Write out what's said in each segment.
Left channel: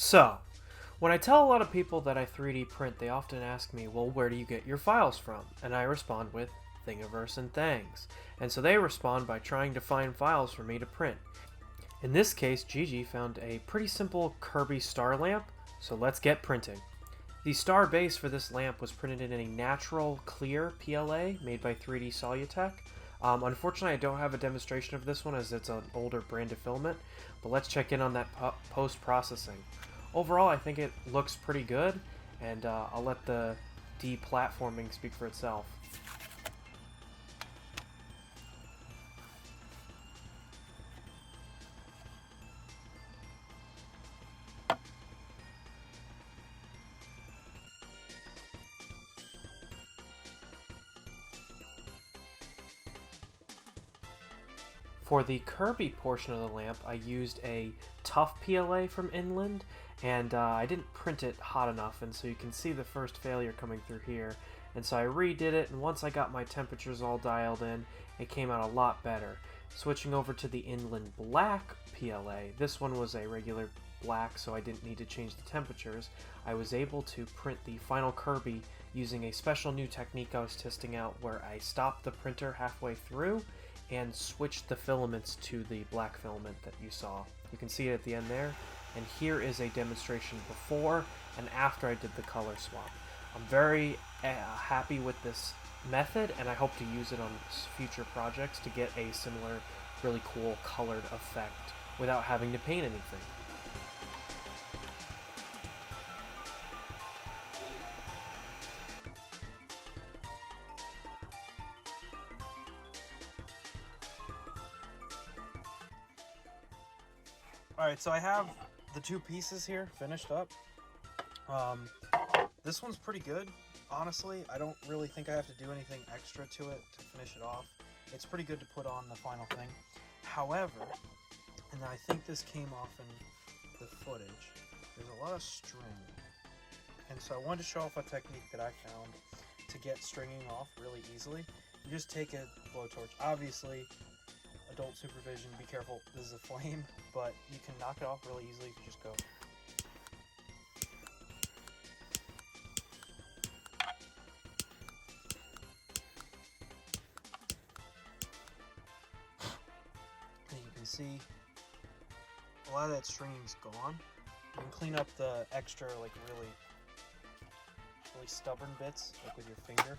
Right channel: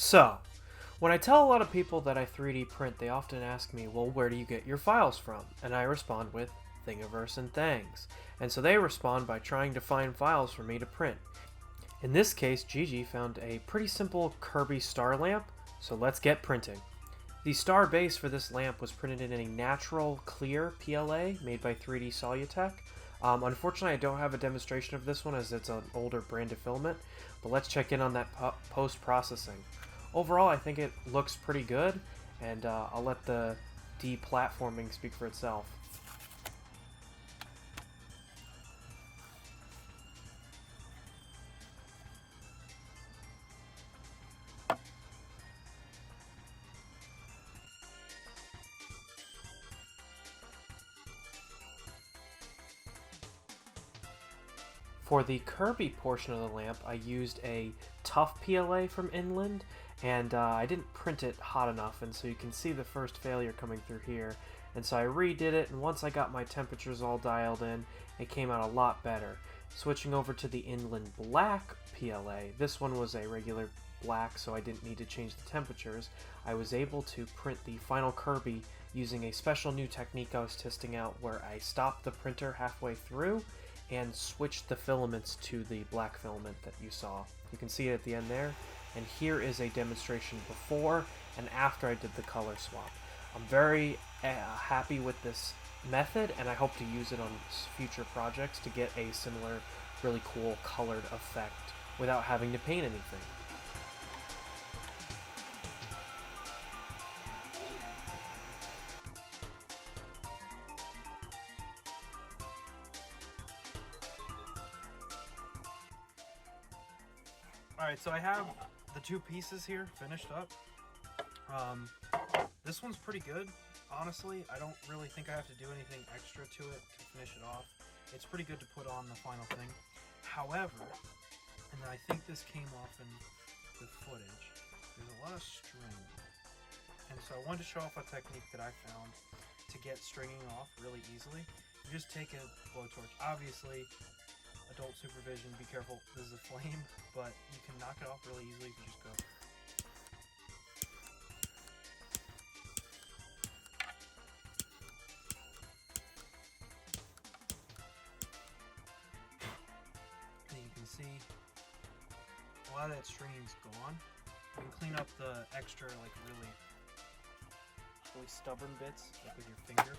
So, when I tell a lot of people that I 3D print, they often ask me, well, where do you get your files from? And I respond with Thingiverse and Thangs. And so they respond by trying to find files for me to print. In this case, Gigi found a pretty simple Kirby star lamp, so let's get printing. The star base for this lamp was printed in a natural clear PLA made by 3D Solutech. Unfortunately, I don't have a demonstration of this one as it's an older brand of filament, but let's check in on that post-processing. Overall, I think it looks pretty good, and I'll let the deplatforming speak for itself. For the Kirby portion of the lamp, I used a tough PLA from Inland, and I didn't print it hot enough, and so you can see the first failure coming through here. And so I redid it, and once I got my temperatures all dialed in, it came out a lot better. Switching over to the Inland Black PLA, this one was a regular black, so I didn't need to change the temperatures. I was able to print the final Kirby using a special new technique I was testing out where I stopped the printer halfway through and switched the filaments to the black filament that you saw. You can see it at the end there, and here is a demonstration before and after I did the color swap. I'm very happy with this method, and I hope to use it on future projects to get a similar really cool colored effect without having to paint anything. Alright, so I have the two pieces here finished up. This one's pretty good, honestly. I don't really think I have to do anything extra to it to finish it off. It's pretty good to put on the final thing. However, and I think this came off in the footage, there's a lot of string. And so I wanted to show off a technique that I found to get stringing off really easily. You just take a blowtorch. Obviously, adult supervision, be careful, this is a flame, but you can knock it off really easily if you just go. And you can see a lot of that stringing's gone. You can clean up the extra, like really stubborn bits, like with your finger,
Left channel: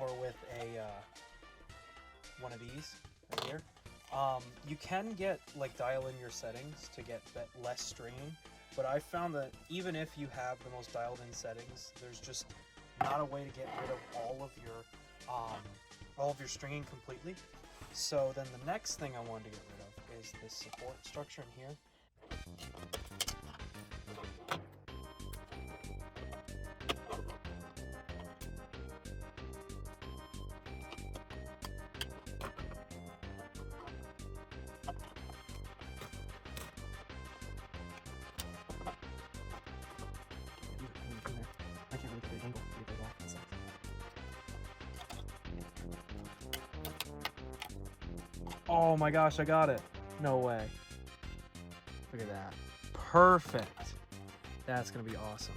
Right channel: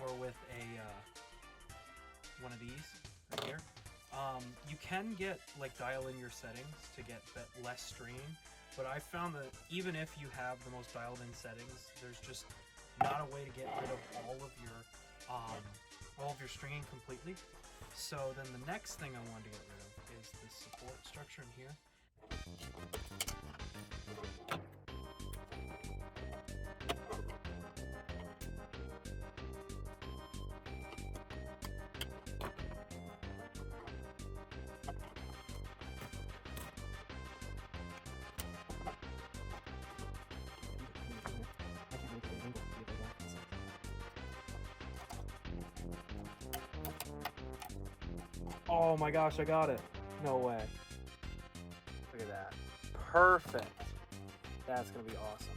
or with a one of these right here. You can get dial in your settings to get that less stringing, but I found that even if you have the most dialed in settings, there's just not a way to get rid of all of your stringing completely. So then the next thing I wanted to get rid of is this support structure in here. Oh my gosh, I got it. No way. Look at that. Perfect. That's gonna be awesome.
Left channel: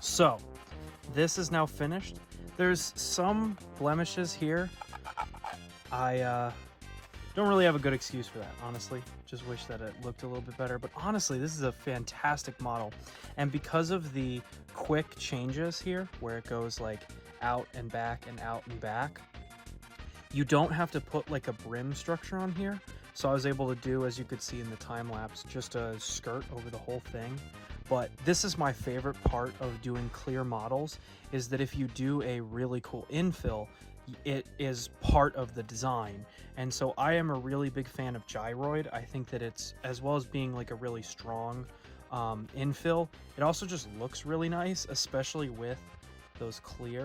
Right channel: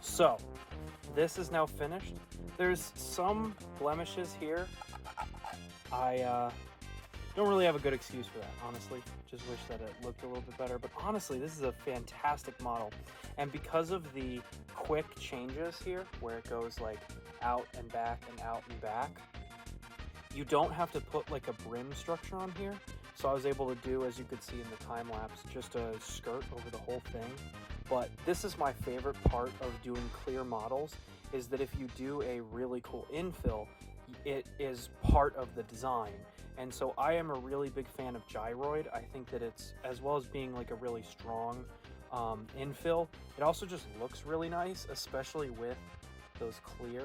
So, this is now finished. There's some blemishes here. I don't really have a good excuse for it, honestly. Just wish that it looked a little bit better. But honestly, this is a fantastic model. And because of the quick changes here, where it goes out and back and out and back, you don't have to put a brim structure on here. So I was able to do, as you could see in the time lapse, just a skirt over the whole thing. But this is my favorite part of doing clear models, is that if you do a really cool infill, it is part of the design. And so I am a really big fan of gyroid. I think that it's, as well as being a really strong infill, it also just looks really nice, especially with those clear.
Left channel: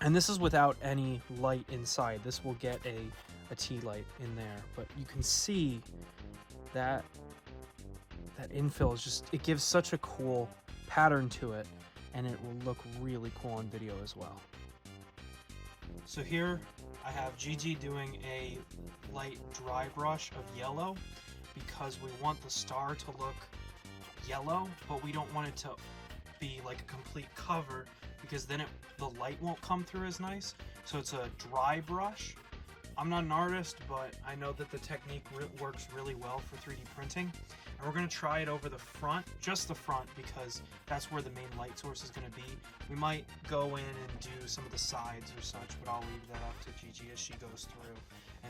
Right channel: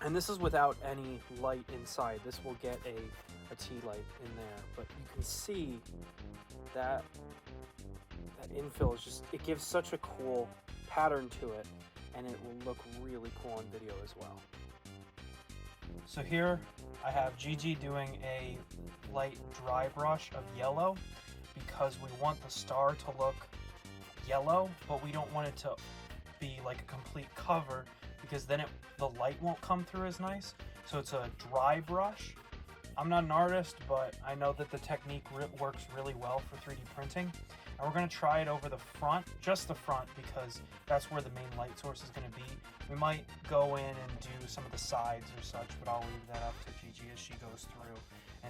And this is without any light inside. This will get a tea light in there. But you can see that infill is just, it gives such a cool pattern to it, and it will look really cool in video as well. So here I have Gigi doing a light dry brush of yellow because we want the star to look yellow, but we don't want it to be like a complete cover because then the light won't come through as nice. So it's a dry brush. I'm not an artist, but I know that the technique works really well for 3D printing. And we're going to try it over the front, just the front, because that's where the main light source is going to be. We might go in and do some of the sides or such, but I'll leave that up to Gigi as she goes through.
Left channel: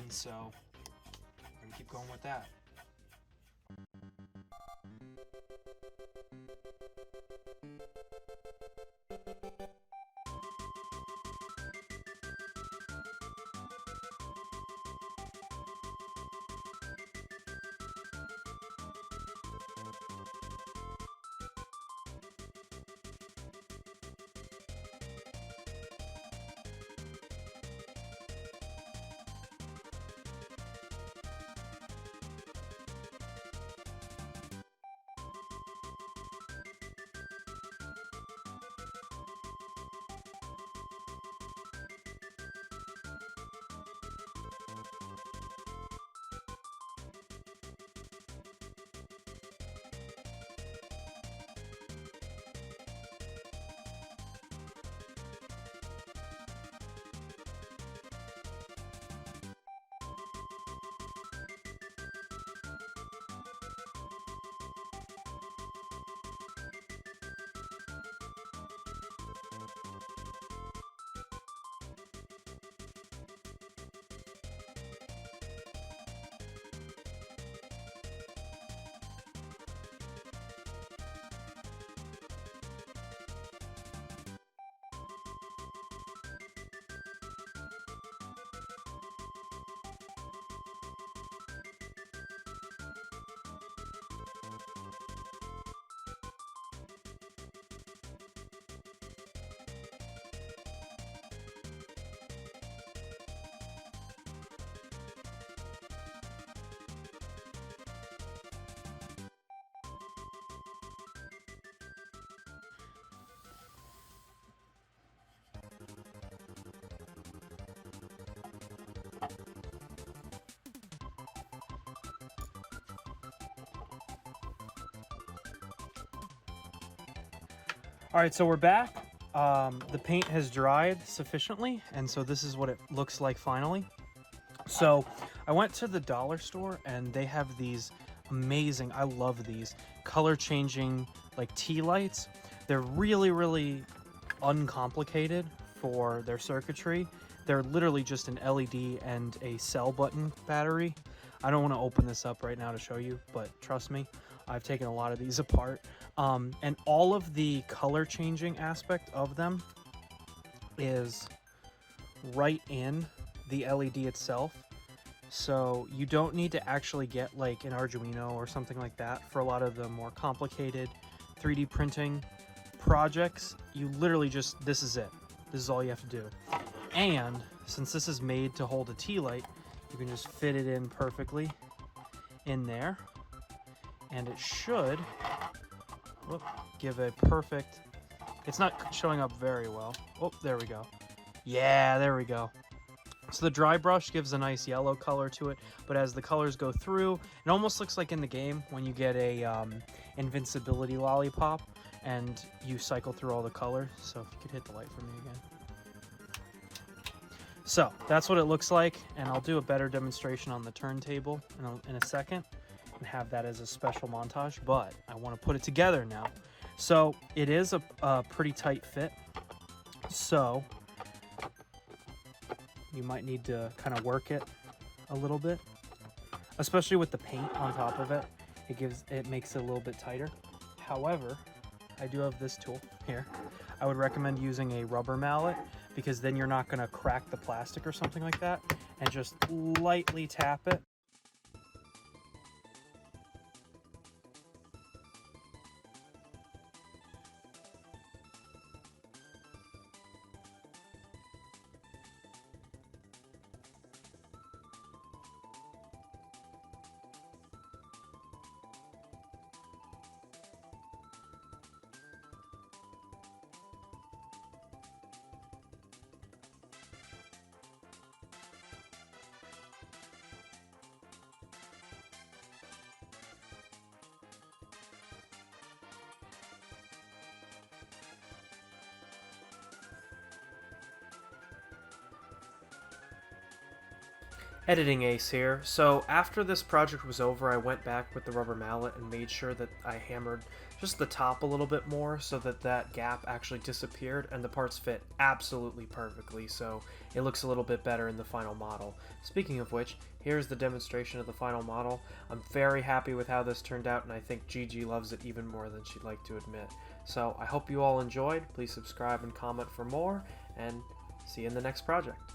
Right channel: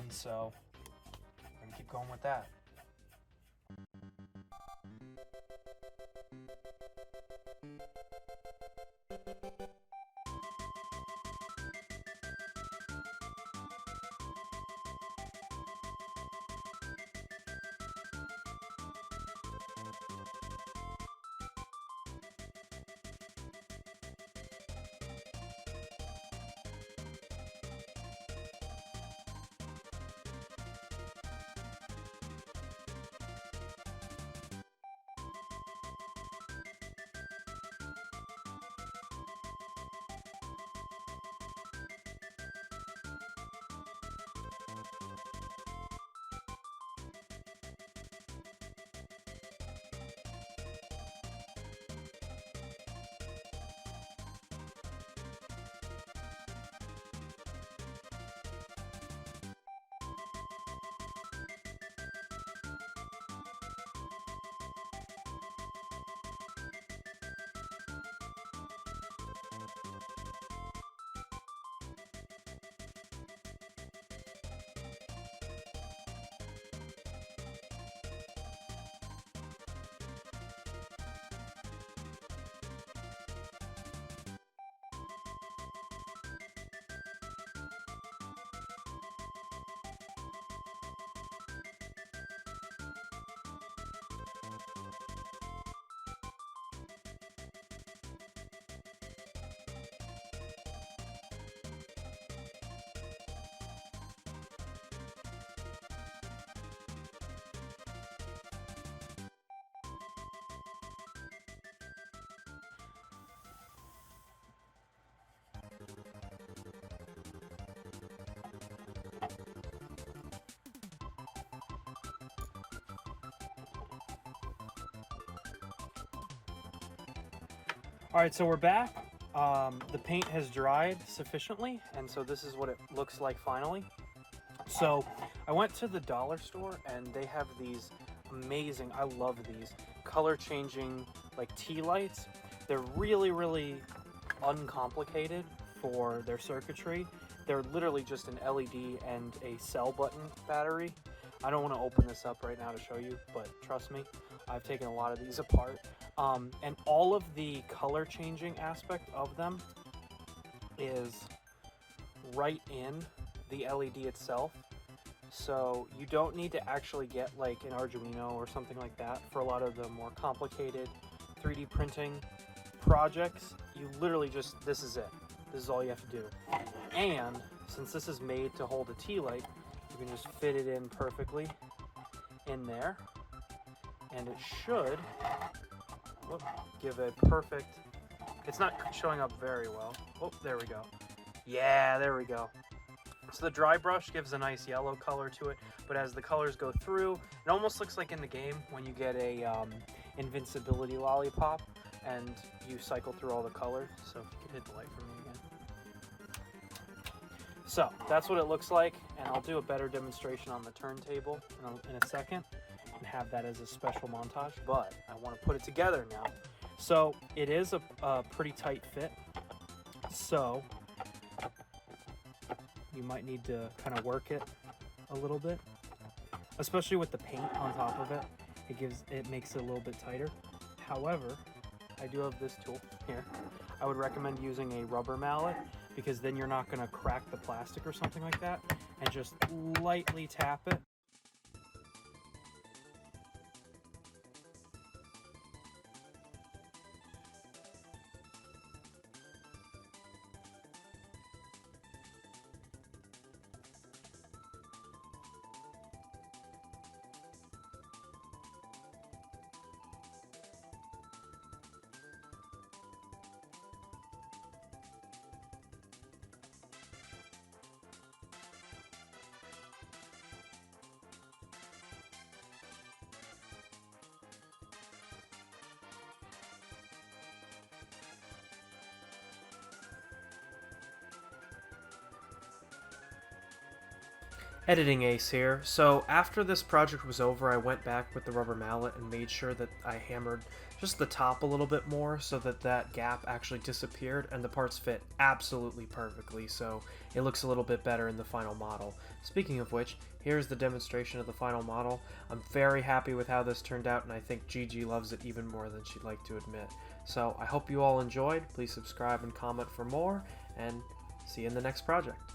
And so we're going to keep going with that. Alright, so we're back. The paint has dried sufficiently, and so this is what it looks like finally. So I went to the dollar store and they have these amazing, I love these, color changing like tea lights. They're really, really uncomplicated for their circuitry. They're literally just an LED and a cell button battery. I don't want to open this up right now to show you, but trust me, I've taken a lot of these apart. And all of the color changing aspect of them is right in the LED itself. So you don't need to actually get like an Arduino or something like that for a lot of the more complicated 3D printing projects. You literally just, this is it. This is all you have to do. And since this is made to hold a tea light, you can just fit it in perfectly in there. And it should give a perfect, it's not showing up very well. Oh, there we go. Yeah, there we go. So the dry brush gives a nice yellow color to it, but as the colors go through, it almost looks like in the game when you get a invincibility lollipop and you cycle through all the colors. So if you can hit the light for me again. So that's what it looks like, and I'll do a better demonstration on the turntable in a second and have that as a special montage, but I want to put it together now. So it is a pretty tight fit, so you might need to kind of work it a little bit, especially with the paint on top of it. It makes it a little bit tighter. However, I do have this tool here. I would recommend using a rubber mallet because then you're not going to crack the plastic or something like that, and just lightly tap it. Editing Ace here. So after this project was over, I went back with the rubber mallet and made sure that I hammered just the top a little bit more so that that gap actually disappeared and the parts fit absolutely perfectly, so it looks a little bit better in the final model. Speaking of which, here's the demonstration of the final model. I'm very happy with how this turned out, and I think Gigi loves it even more than she'd like to admit. So I hope you all enjoyed. Please subscribe and comment for more, and see you in the next project.